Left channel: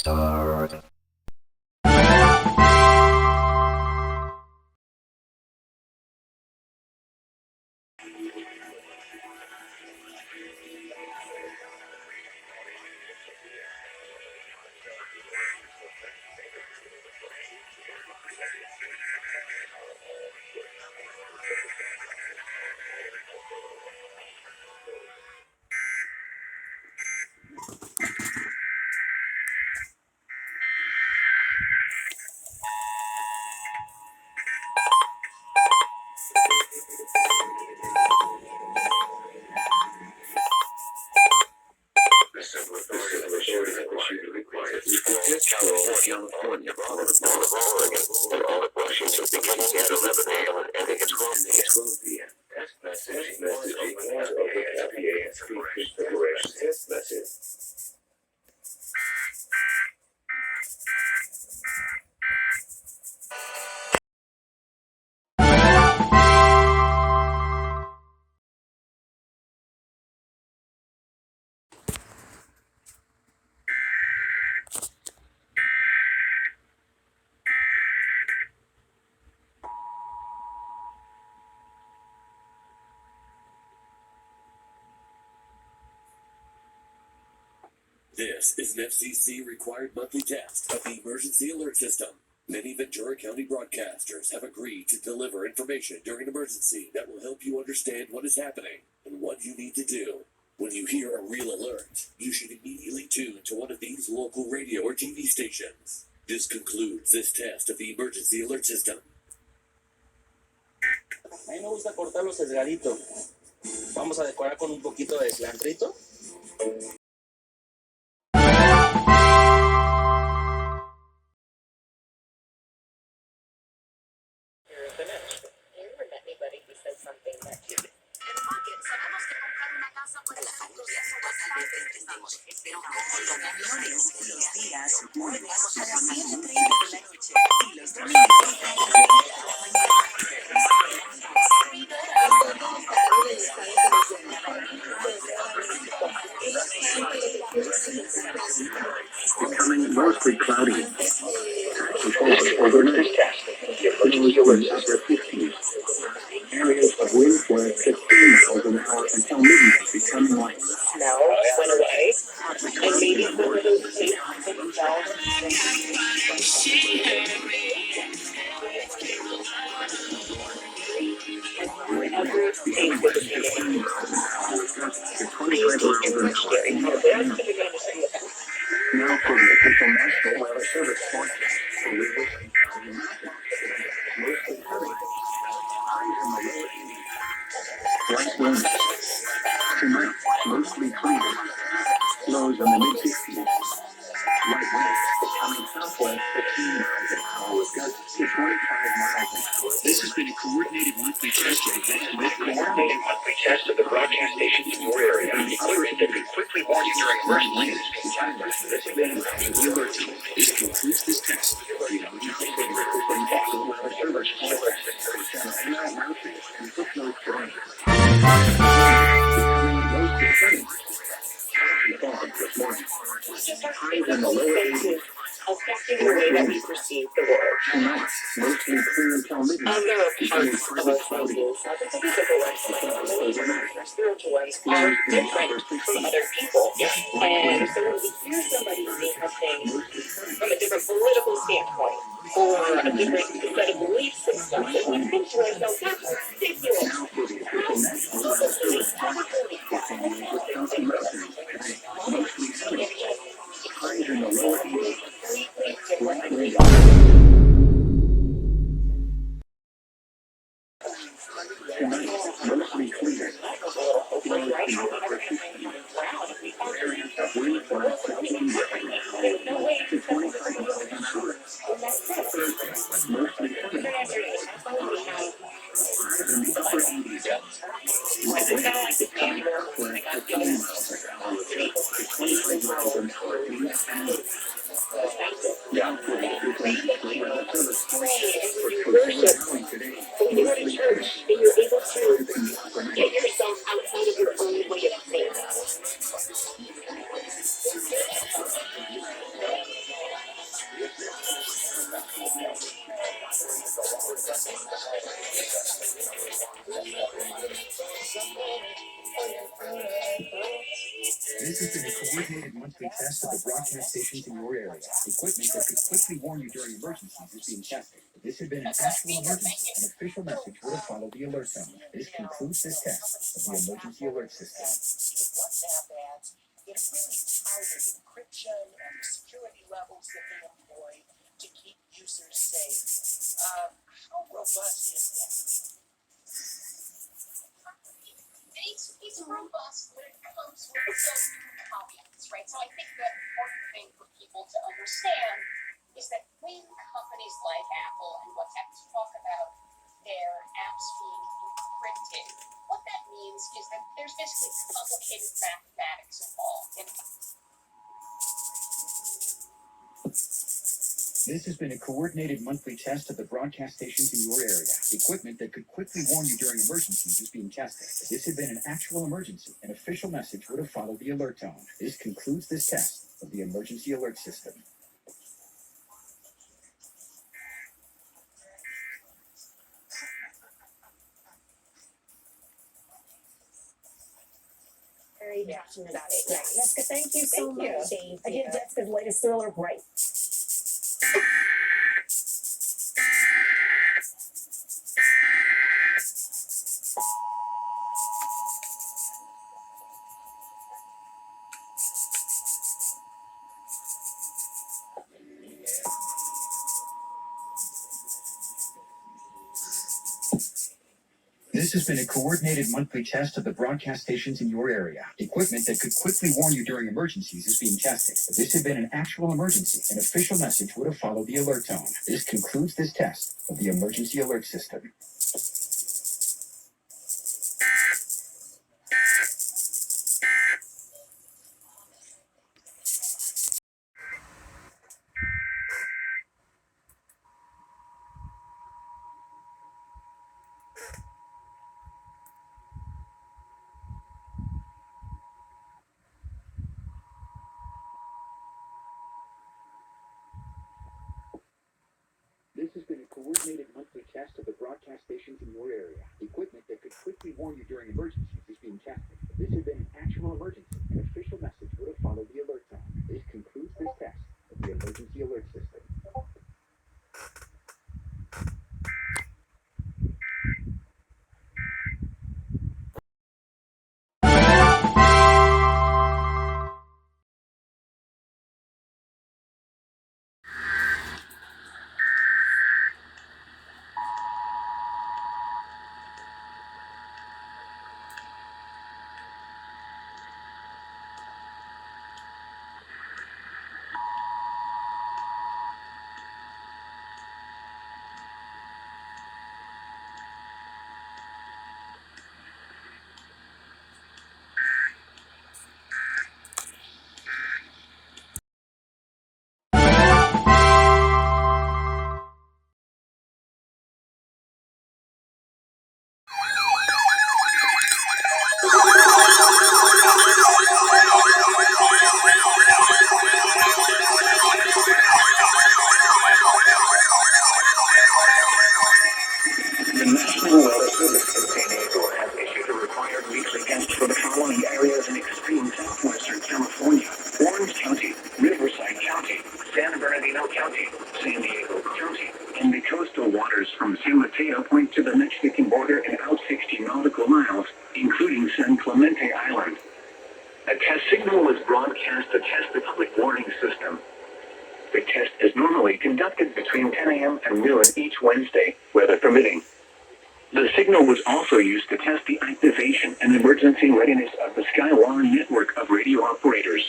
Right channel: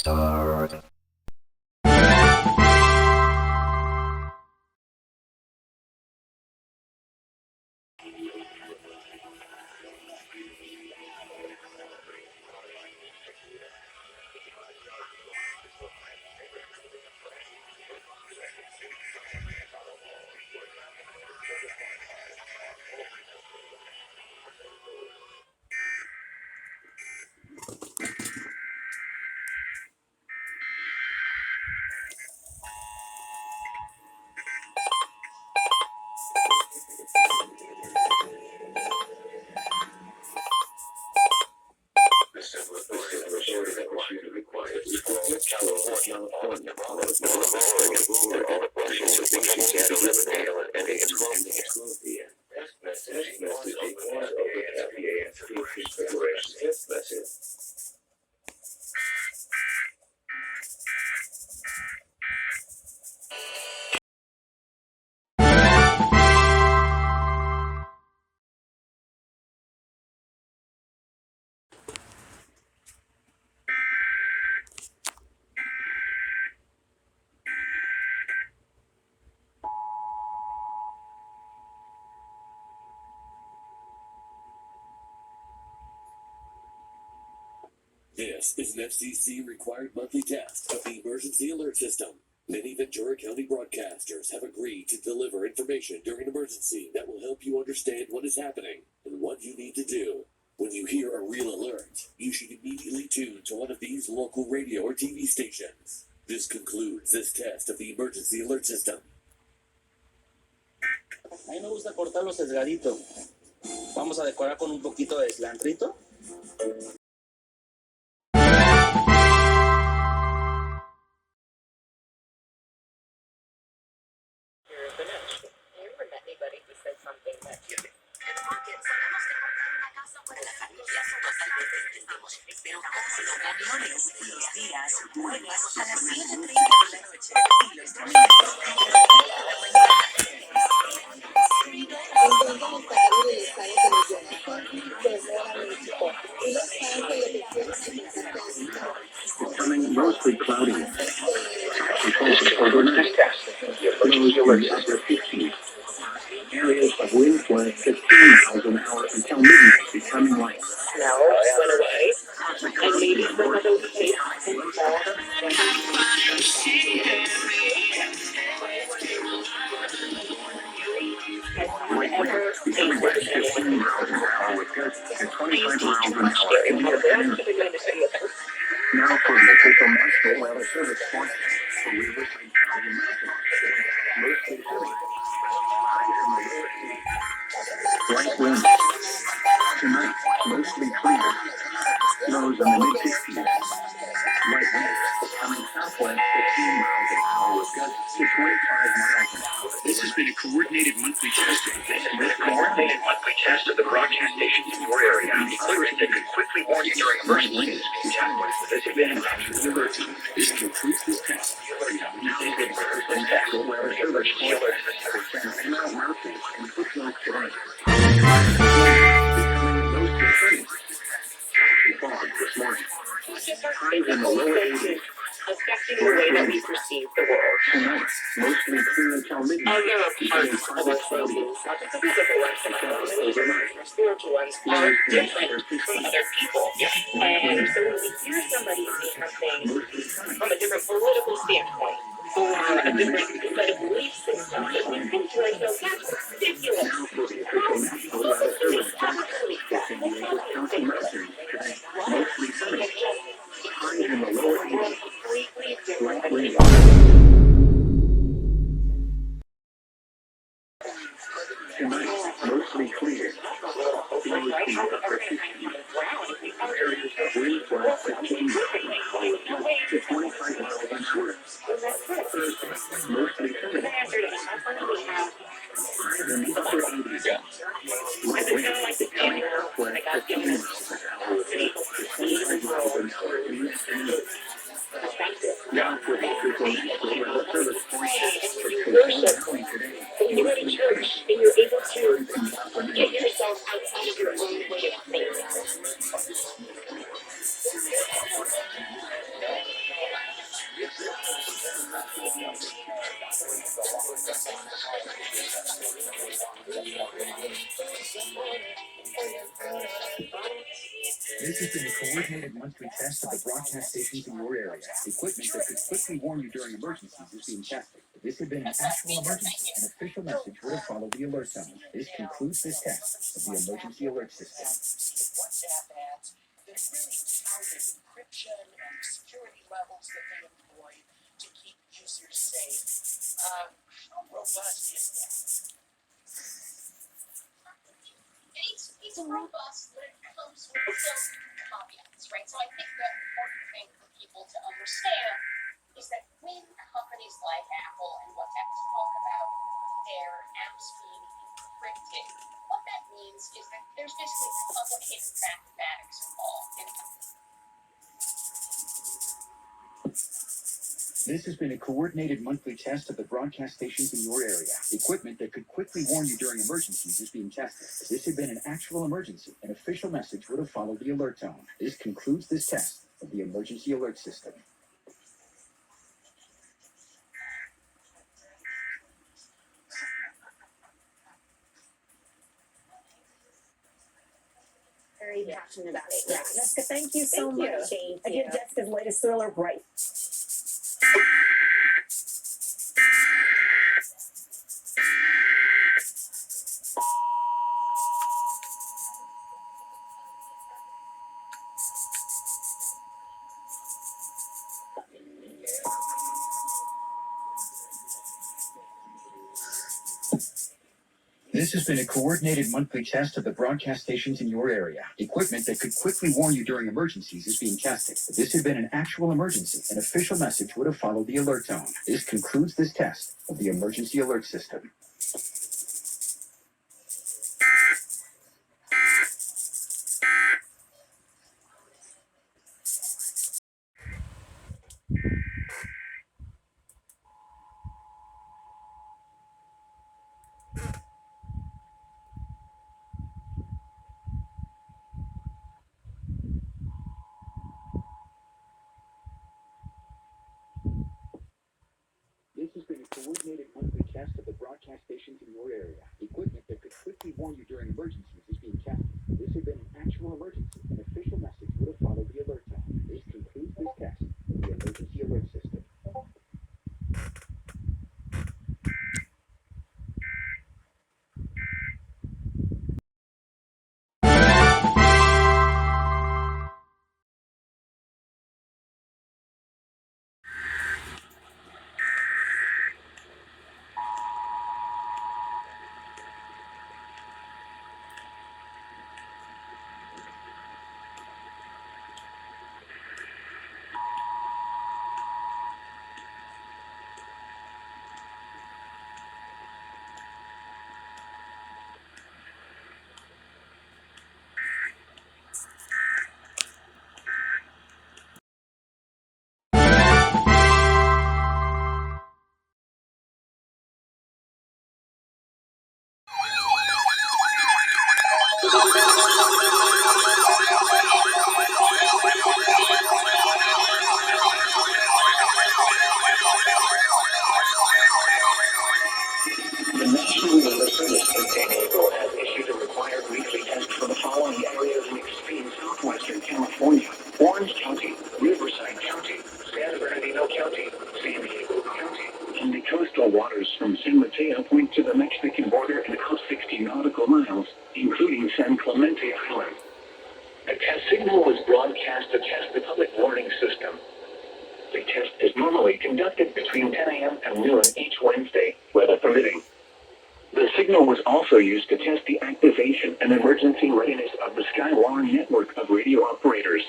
start. California, all of Oregon, and all of Washington beginning at 11 a.m. and ending at 12 p.m. Test message equals EAS preparation test message. This is an FCC-required monthly test of the emergency alert system. Many Ventura County broadcasters have agreed to deliver information during an emergency that will help you understand what is happening and what you need to do. When you hear a real alert, you should immediately tune to one of these local radio or TV stations. This concludes this test of the emergency alert system. A mí me gusta cortarlo sesgadito. Vamos a decorar con un poquito de cilantrito. Pero como los camiones, los días jueves a las 7:30 de la noche y los domingos de 9 de la mañana. Becoming mostly cloudy. Patchy fog overnight. Lows in the upper 50s. Areas of wind flare 15 miles an hour until midnight, becoming light. Smells went away, and maybe some of those tastes and smells. Becoming light 15 miles an hour with gusts to 25 miles an hour. Now for the official National Weather Service forecast for rivers and county mountains. Mostly sunny. Highs in the lower 80s. Light winds. Tonight, mostly clear. Lows in the mid-60s. Light winds coming southwest 15 miles an hour with gusts to 25 miles an hour. This has been a coordinated monthly test of the broadcast stations in your area. Equipment that could quickly warn you during emergencies. This event is an alert tone. This can prove this test. Highs in the lower 80s. Affecting the way that we perceive the world. Tonight, mostly clear until midnight. And there are parts of our senses, not just the physical ones, but our spiritual ones, are different from other people. And so when we hear somebody say something from a different political standpoint, or a different set of belief systems, we think to ourselves, that's ridiculous. Mostly sunny. Highs in the lower 80s. Light winds. Tonight, mostly clear. Lows in the upper 50s. Areas of wind flare 15 miles an hour to 25 miles an hour. Thursday, mostly sunny. Highs in the upper 80s. Light winds coming southwest 15 miles an hour to 25 miles an hour east and north. Now for the official National Weather Service forecast for Worship. County today. When you go to church and you're able to get yourself outside of your own way of thinking. This has been a coordinated monthly test of the broadcast stations in your area. Equipment that could quickly warn you during emergencies is being tested. If this had been an actual emergency, an official message would have followed the alert tone. This concludes this test of the emergency alert system. WhatsApp ads that are really touted encryption and the security levels that they employ to keep users safe. How robust is that? It's robust, but it comes with some caveats, right? So I think the important thing for people to understand is that when companies like Apple and WhatsApp talk about their apps being encrypted, what that means is that there's basically complicated mathematics involved. And This has been a coordinated monthly test of the broadcast stations in your area. Equipment that could quickly warn you during emergencies is being tested. If this had been an actual emergency, an official message would have followed the alert tone. This concludes this test of the emergency alert system. Very passionate about it. Yeah. Jessica, thank you so Thank you. much. Again, Jessica's latest thriller, Bright. This has been a coordinated monthly test of the broadcast stations in your area. Equipment that could quickly warn you during emergencies is being tested. If this had been an actual emergency, an official message would have followed the alert tone. This concludes this test of the emergency alert system. This has been a coordinated monthly test of the broadcast stations in your area. Equipment that could quickly warn you during emergencies is being tested. If this had been an actual emergency, an official message would have followed the alert tone. This concludes this test of the emergency alert system. The National Weather Service in San Diego has issued a required weekly test for the following areas in extreme southwestern California: Orange County, Riverside County, San Bernardino County, San Diego County, and the coastal waters from San Mateo Point to the Mexican border and out 60 nautical miles, including San Clemente Island. A test signal was broadcast to test the public warning system. The test is normally conducted between 10 a.m. and noon each Wednesday, weather permitting. The signal was also used to test the activation and emergency readiness of the Skywire network of radio operators.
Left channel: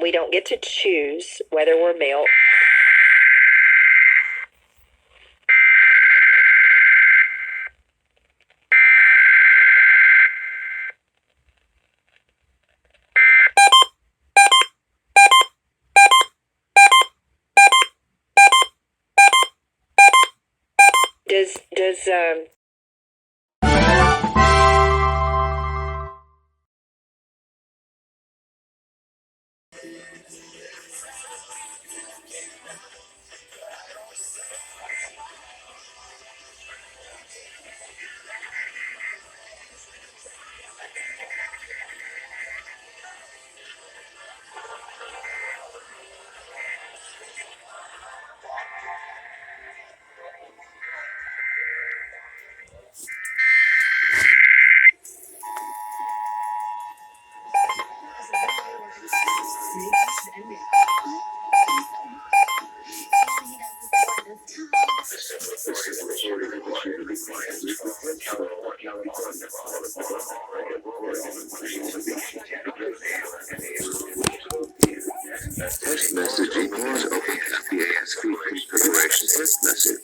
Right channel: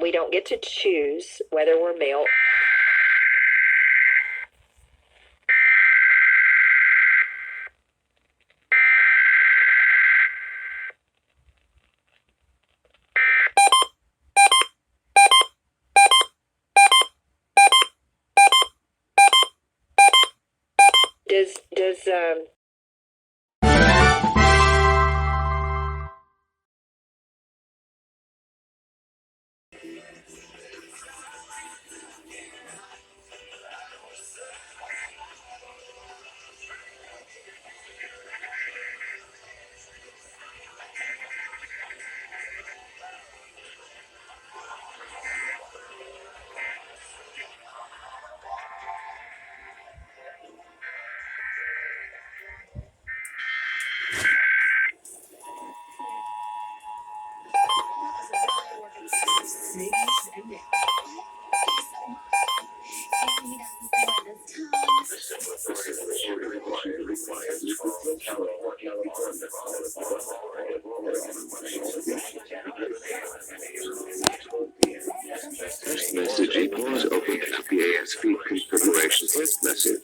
We don't get to choose whether we're male. Does Test message equals EASP configuration test message.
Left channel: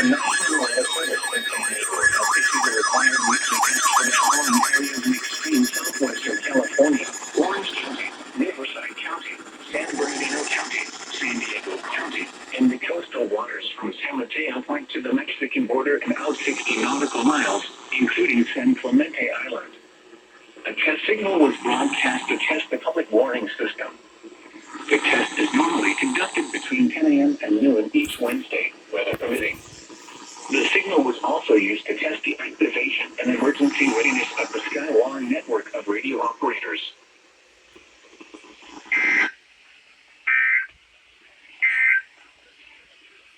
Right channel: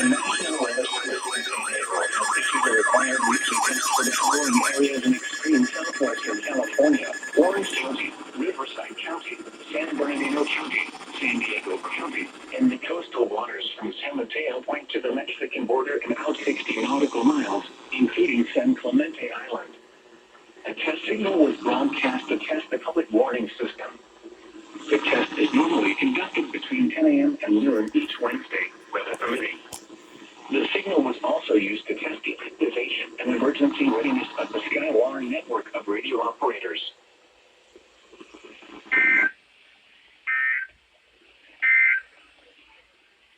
The National Weather Service has issued the required weekly test for the following areas in extreme southwestern California: Orange County, Riverside County, San Bernardino County, San Diego County, and the coastal waters from San Mateo Point to the Mexican border and out 60 nautical miles, including San Clemente Island. A test signal was broadcast to test the public warning system. The test is normally conducted between 10 a.m. and noon each Wednesday, weather permitting. The signal was also used to test the activation and emergency readiness of the Skywire network of radio operators.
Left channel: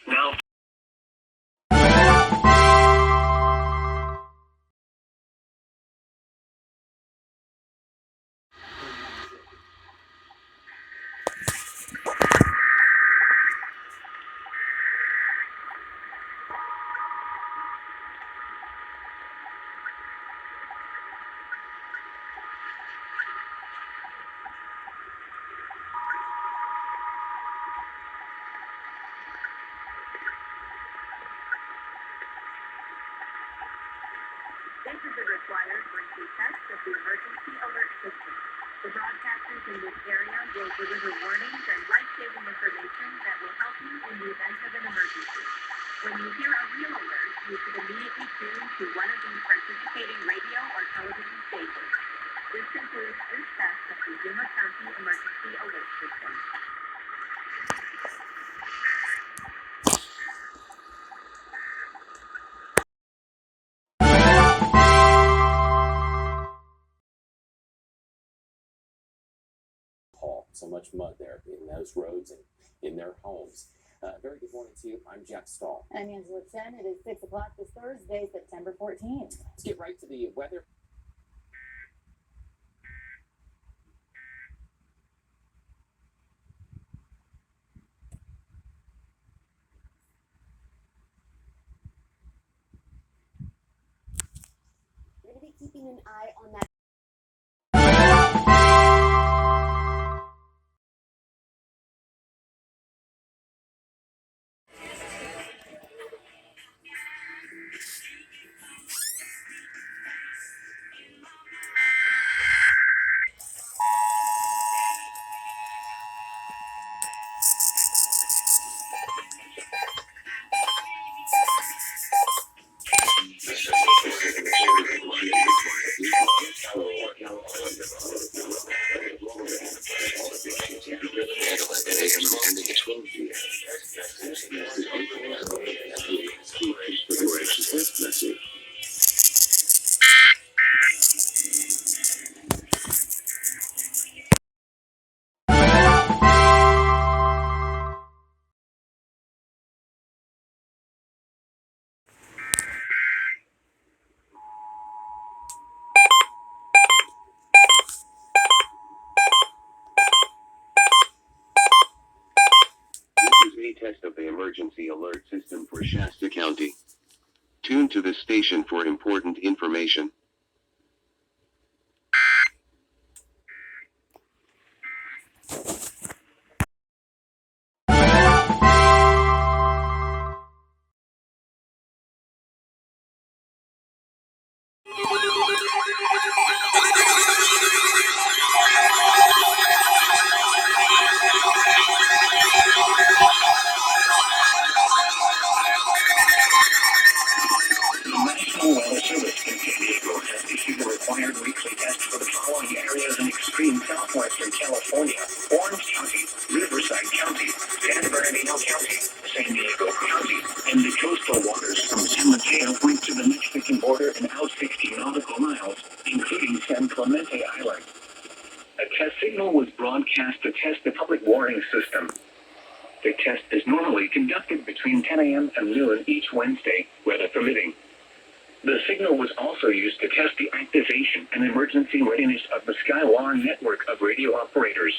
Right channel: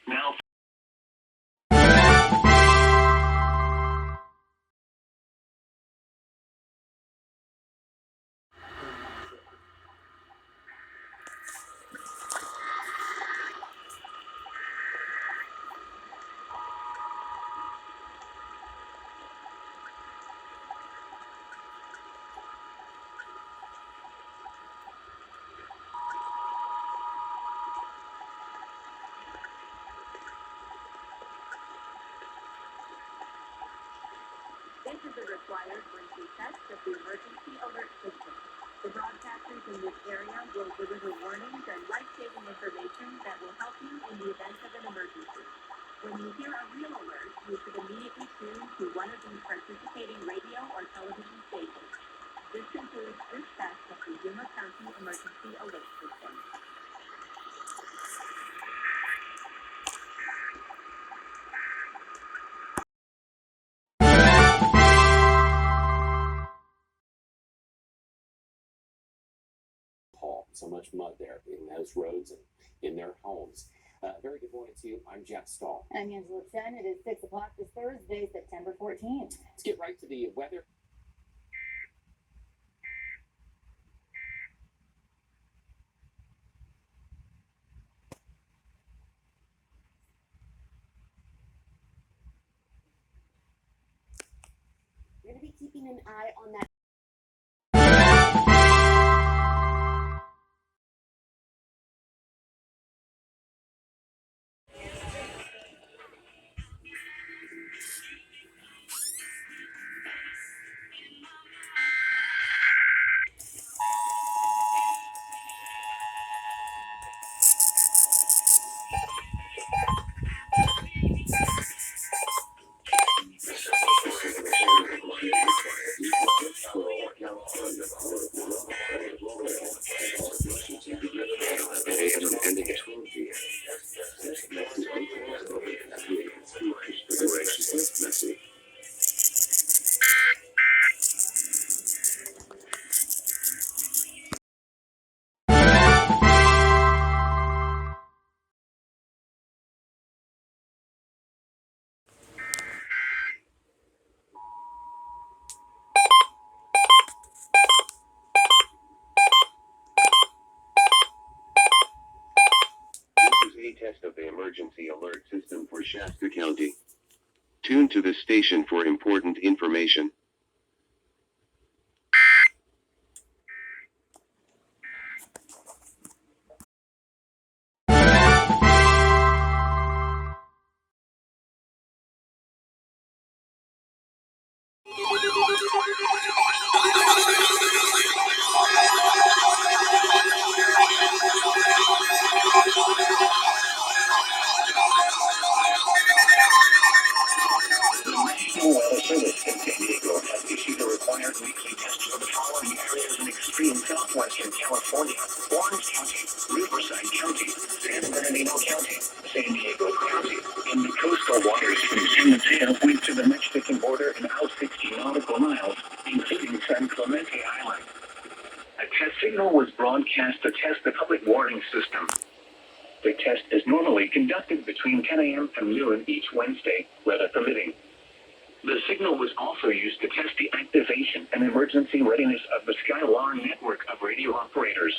Now, This is a required monthly test of the emergency alert system. The broadcasters in this area will deliver warnings and life-saving information that will help you in the event of an emergency. When you hear a real alert, you should immediately tune to one of these participating radio or television stations. This concludes this test of the Yuma County Emergency Alert System. So much mud there in those roads and in their homes. Very good morning to you. I'm Jack Stahl. I'm Angela Chen. It is 6 o'clock this Thursday, September 14th. Let's get right to the weather. We're going to be keeping an eye on that. A test of the emergency alert system for Shasta County. Tune to this station for important information. The National Weather Service in San Diego has issued a required weekly test for the following areas in extreme southwestern California: Orange County, Riverside County, San Bernardino County, San Diego County, and the coastal waters from San Mateo Point to the Mexican border and out 60 nautical miles, including San Clemente Island. A test signal was broadcast to test the public warning system. The test is normally conducted between 10 a.m. and noon each Wednesday, weather permitting. The signal was also used to test the activation and emergency readiness of the Skywarn network of radio operators.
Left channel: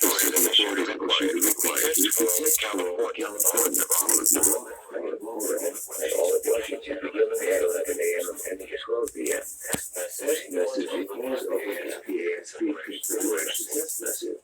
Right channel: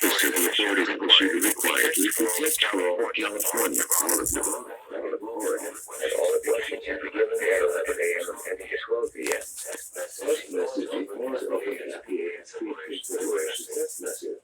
The supermajority troubleshooting required California, Oregon, and all of Washington beginning at 11 a.m. and 12 p.m. Text message equals open EAS configuration test message.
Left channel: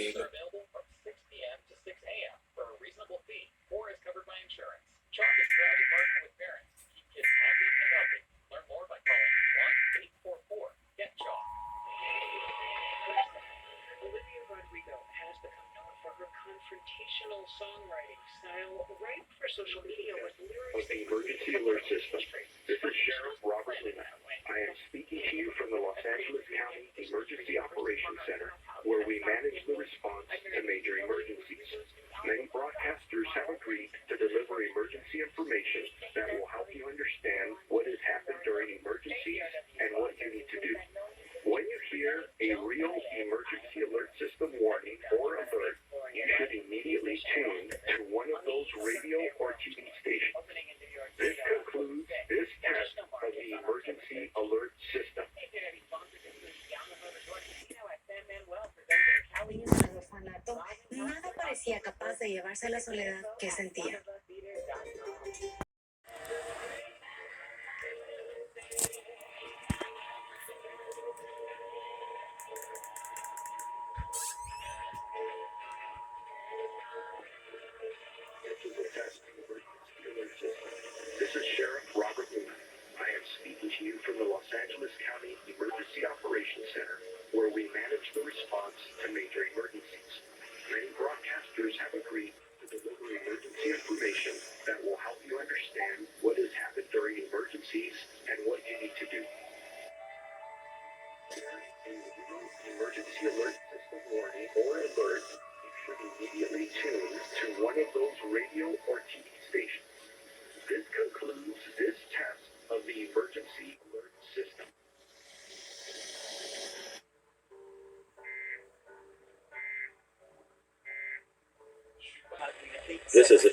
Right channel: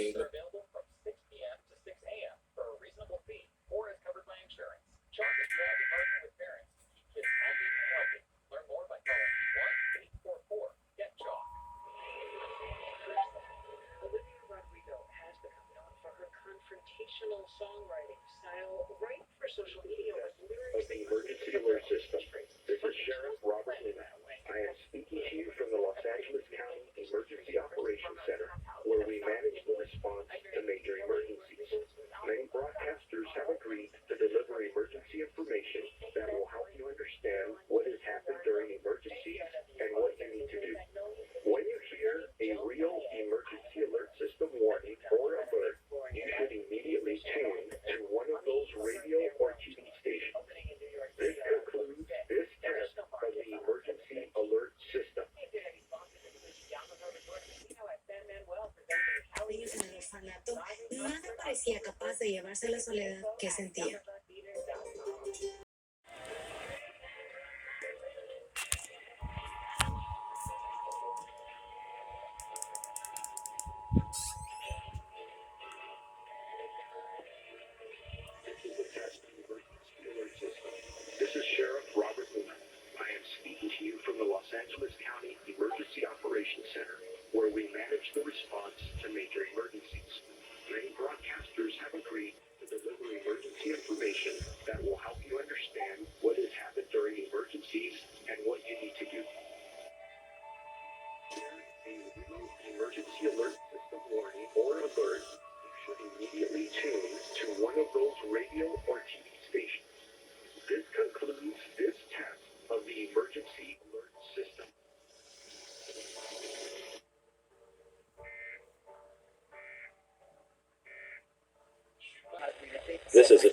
Available from 6 p.m. to 6 a.m. for a reasonable fee, or is covered by insurance. Chalk is proud to partner with parents to keep kids happy and healthy. Learn more by calling 1-844-GET-CHALK. Olivia Rodrigo has become known for her confrontational songwriting style, right for social media with lyrics. Of the emergency alert system. This is Sheriff Robert Lina. I am speaking to you from the Los Angeles County Emergency Operations Center, where we manage the response to major emergencies. Many broadcasters have agreed to deliver emergency information that will help you understand what has happened during emergencies and what you need to do. When you hear a real emergency alert system warning or alert, you should immediately tune to one of those radio or TV stations. This concludes this test of the emergency alert system. En el orfanato, nada parecía capaz de llevarse la soledad que sentía.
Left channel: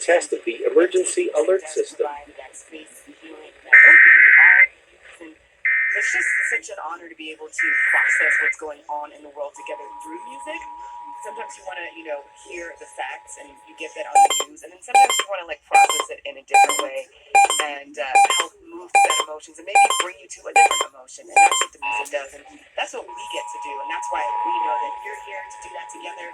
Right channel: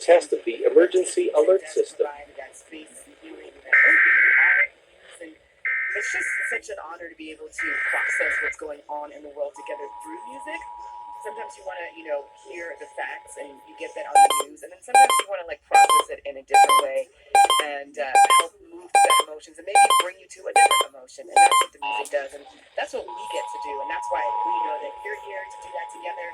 test of the emergency alert system. That space healing that all use, and it's just such an honor to be able to process what's going on in the world together through music. Sometimes you want to, hear the facts and you get that on the news, and then sometimes you want to process it in a different way and help move through that emotions and maybe bring you to a different emotion. And that's what the music does, and that's what we get to do, and that's why we know that you're here to do that together.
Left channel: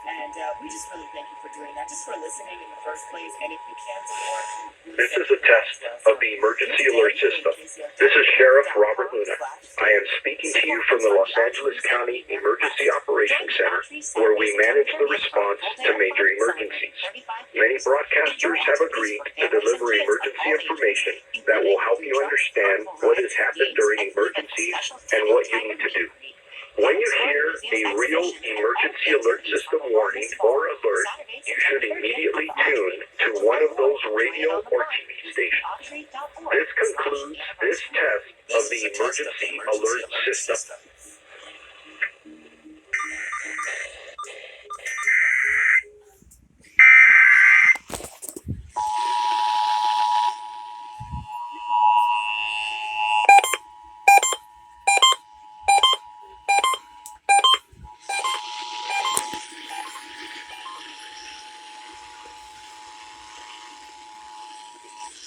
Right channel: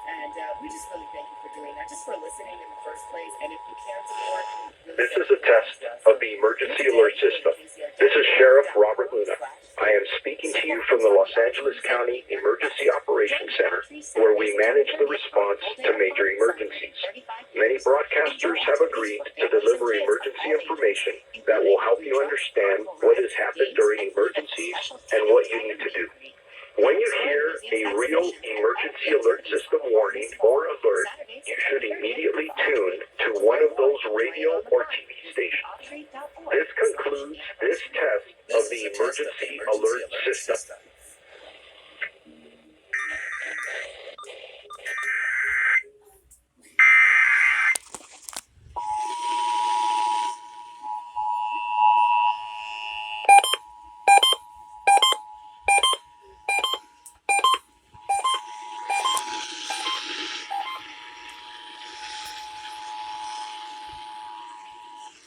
And we just really thank you for doing that, just for listening in the first place. And if you can support, This is a test of the emergency alert system. This is Sheriff Robert Luna. I am speaking to you from the Los Angeles County Emergency Operations Center, where we manage the response to major emergencies. Many broadcasters have agreed to deliver emergency information that will help you understand what has happened during emergencies and what you need to do. When you hear a real emergency alert system warning or alert, you should immediately tune to one of those radio or TV stations. This concludes this test of the emergency alert system.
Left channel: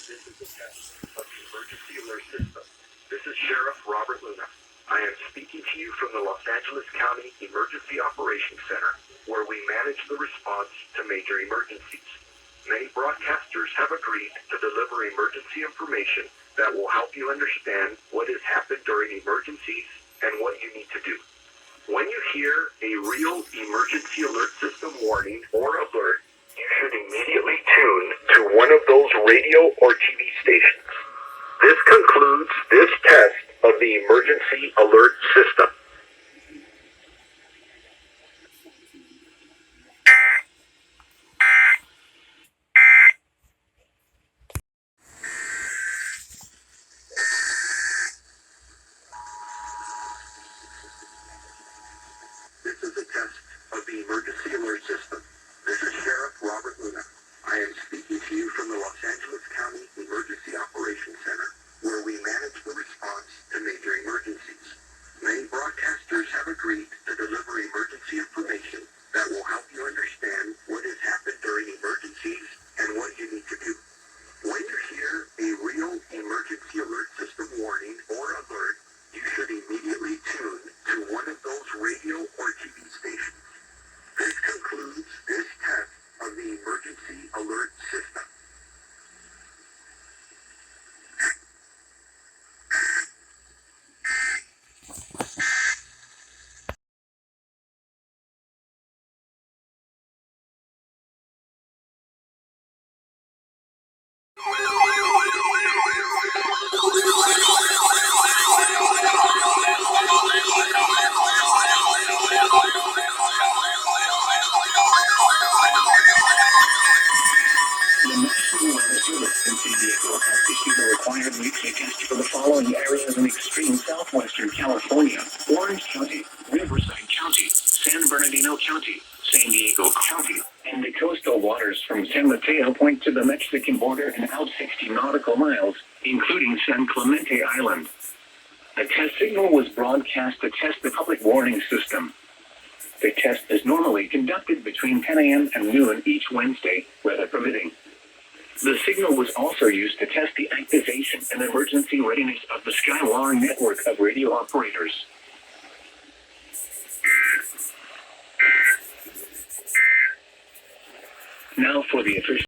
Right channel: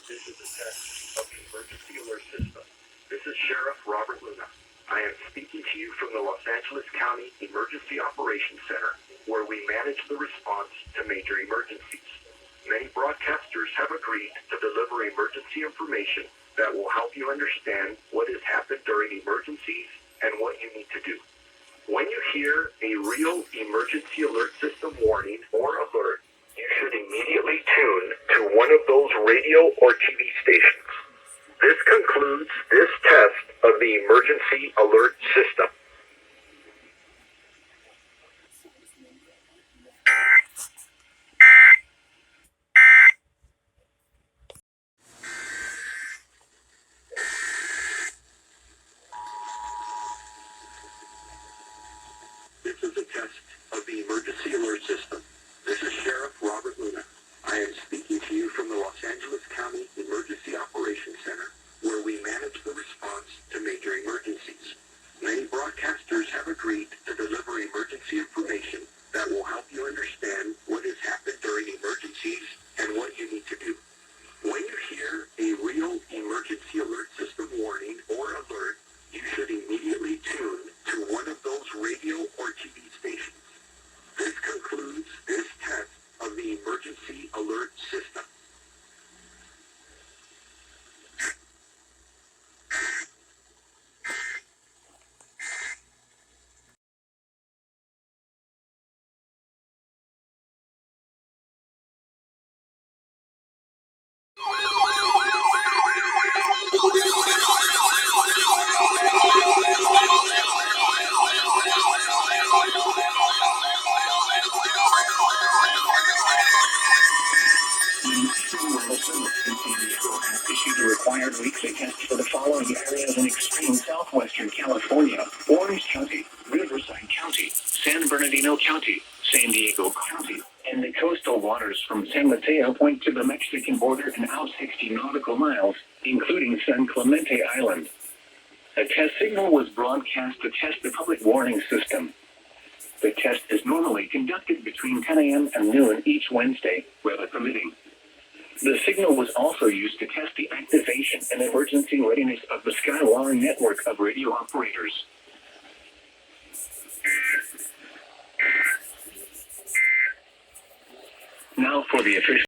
This is a test of the emergency alert system. This is Sheriff Robert Luna. I am speaking to you from the Los Angeles County Emergency Operations Center, where we manage the response to major emergencies. Many broadcasters have agreed to deliver emergency information that will help you understand what has happened during emergencies and what you need to do. When you hear a real emergency alert system warning or alert, you should immediately tune to one of those radio or TV stations. This concludes this test of the emergency alert system. This is a test of the emergency alert system. This is Sheriff Robert Luna. I am speaking to you from the Los Angeles County Emergency Operations Center, where we manage the response to major emergencies. Many broadcasters have agreed to deliver emergency information that will help you understand what has happened during emergencies and what you need to do. When you hear a real emergency alert system warning or alert, you should immediately tune to one of those radio or TV stations. This concludes this test of the emergency alert system. The National Weather Service in San Diego has issued a required weekly test for the following areas in extreme southwestern California: Orange County, Riverside County, San Bernardino County, San Diego County, and the coastal waters from San Mateo Point to the Mexican border and out 60 nautical miles, including San Clemente Island. A test signal was broadcast to test the public warning system. The test is normally conducted between 10 a.m. and noon each Wednesday, weather permitting. The signal was also used to test the activation and emergency readiness of the Skywire network of radio operators. Now for the official